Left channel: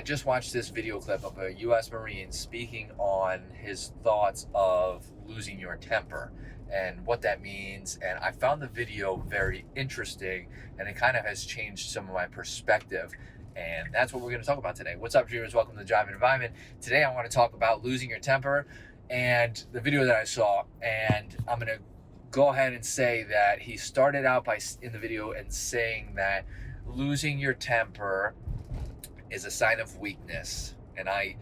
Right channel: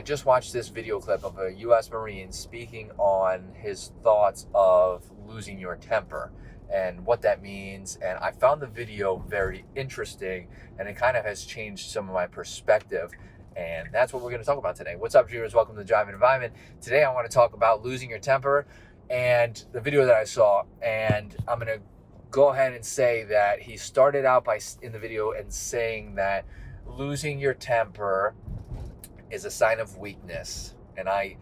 I just watched this video clip of a U.S. Marine speaking on his thoughts of losing your temper and what that means. And I found the video very interesting, and it kind of has changed some of my perspective. And that's what we're going to talk about today. What's up, dreamers? Welcome to Jive Environment. Today, I want to talk about losing your temper and the video that I saw. And I'm going to go ahead and say that he started out in the video and saying that losing your temper is a sign of weakness. And I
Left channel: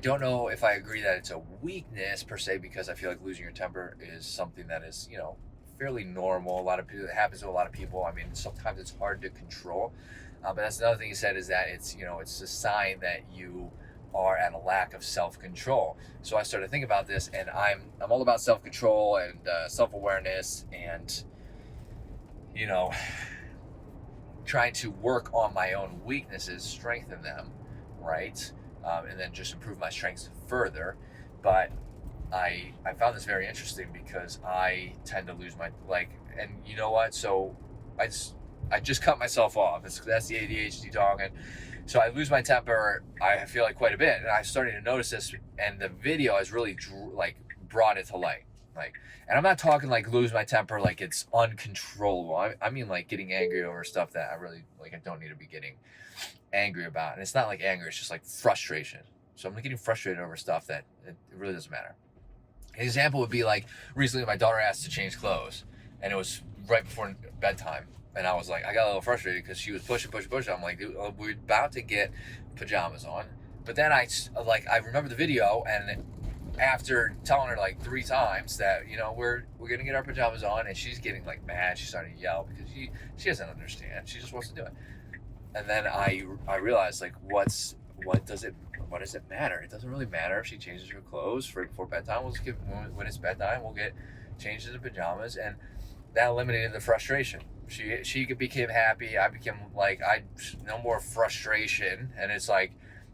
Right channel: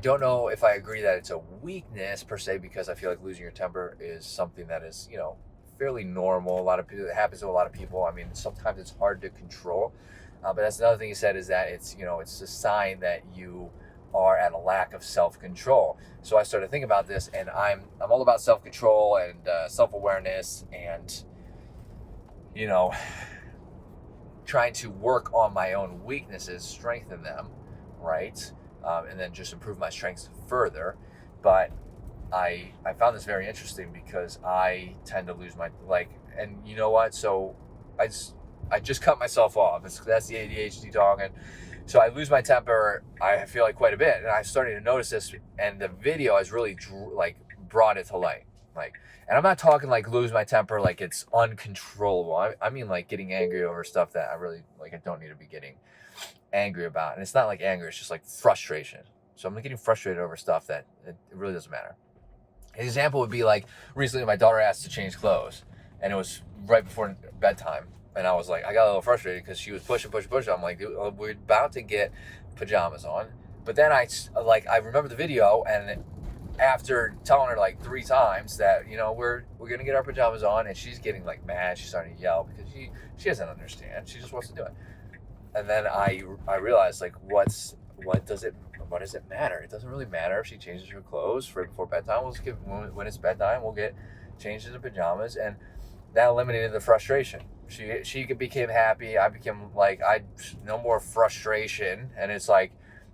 don't know if I agree that it's a weakness per se, because I feel like losing your temper is something that is, fairly normal. A lot of people, it happens to a lot of people. I mean, sometimes it's hard to control. But that's another thing he said, is that it's a sign that you are at a lack of self-control. So I started thinking about this, and I'm all about self-control and self-awareness, and trying to work on my own weaknesses, strengthen them, right? And then just improve my strengths further. But I found this very interesting because I tend to lose my, and you know what? So I just cut myself off. That's the ADHD talking. So I lose my temper, I feel like, quite a bit. And I started to notice this, and the video has really brought it to light. And I'm not talking lose my temper like it's uncontrollable. I mean getting angry over stuff that I really I don't need to be getting angry about. And it's not anger, it's just frustration. So I'm getting frustrated over stuff that it really doesn't matter. An example would be recently my daughter asked to change clothes, and it was right before bedtime. And I was I got a little frustrated because she was pushing. I'm like, dude, we're about to get pajamas on. But then I remember the video, and after telling her 3 times that we're gonna get our pajamas on, and she's getting mad, she's starting to yell because she doesn't understand. She just wants to do it. And then I realized what does it matter? It doesn't really matter if she changes her clothes right before bedtime. When it's bedtime, we'll get changed into pajamas, and that eliminated the frustration. She became happy. I became no more frustration, and it's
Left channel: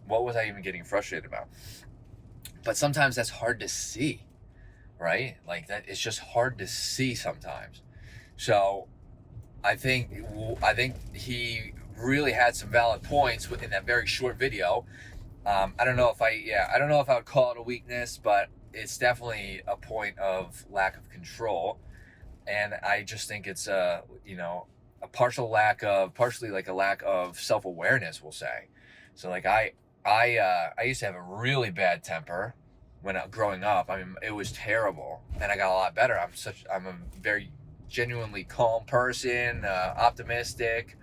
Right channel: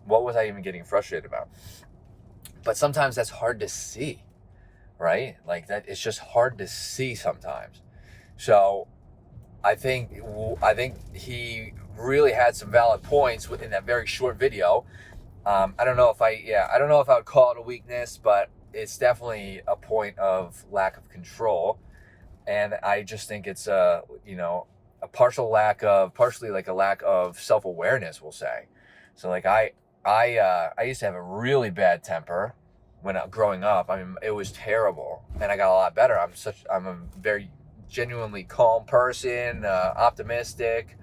what was I even getting frustrated about? But sometimes that's hard to see, right? That it's just hard to see sometimes. So I think he really had some valid points within that very short video. I don't know if I would call it a weakness, but it's definitely a point of lack of control. And I just think it's a partially a lack of self-awareness, we'll say. So I used to have a really bad temper when growing up. I mean, it was terrible, and I got a lot better. I'm a very genuinely calm person, optimistic.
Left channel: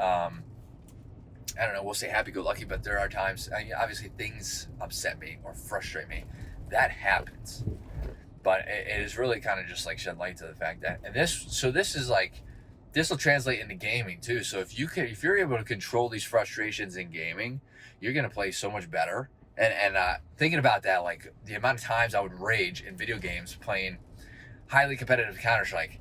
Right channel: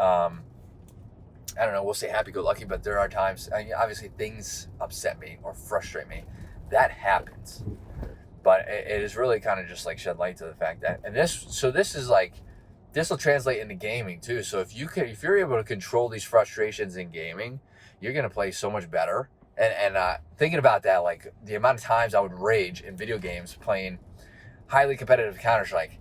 I don't know, we'll say happy-go-lucky, but there are times, obviously, things upset me or frustrate me. That happens. But it is really kind of just shed light to the fact that, and this will translate into gaming too. So if you're able to control these frustrations in gaming, you're going to play so much better. And thinking about that, the amount of times I would rage in video games playing highly competitive Counter-Strike,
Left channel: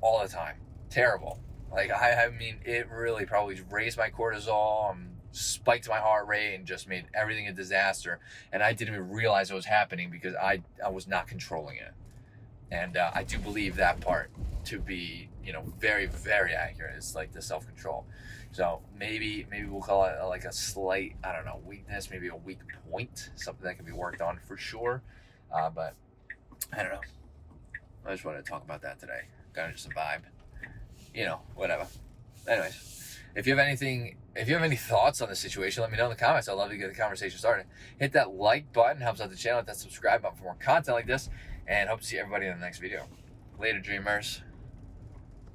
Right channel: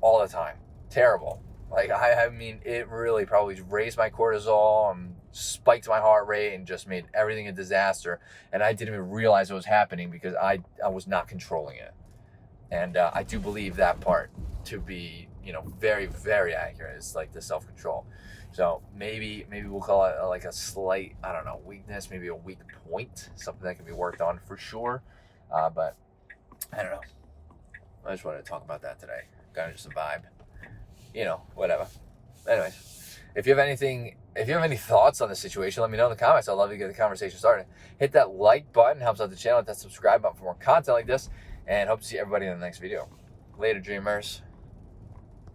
all the time. Terrible. I mean, it really probably raised my cortisol and spiked my heart rate and just made everything a disaster. And I didn't even realize it was happening because I was not controlling it. And I do believe that part to be, very, very accurate. It's the self-control. So maybe we'll call it a slight, I don't know, weakness, maybe a weak point, something that can be worked on for sure. But I don't know. I just wanted to talk about that today. Kind of just a vibe. Whatever. Anyways, if you have any thoughts on the situation, let me know in the comments. I'd love to get the conversation started. Hit that like button, helps out the channel. Hit that subscribe button for more content like this, and hope to see everybody in the next video. Later, dreamers.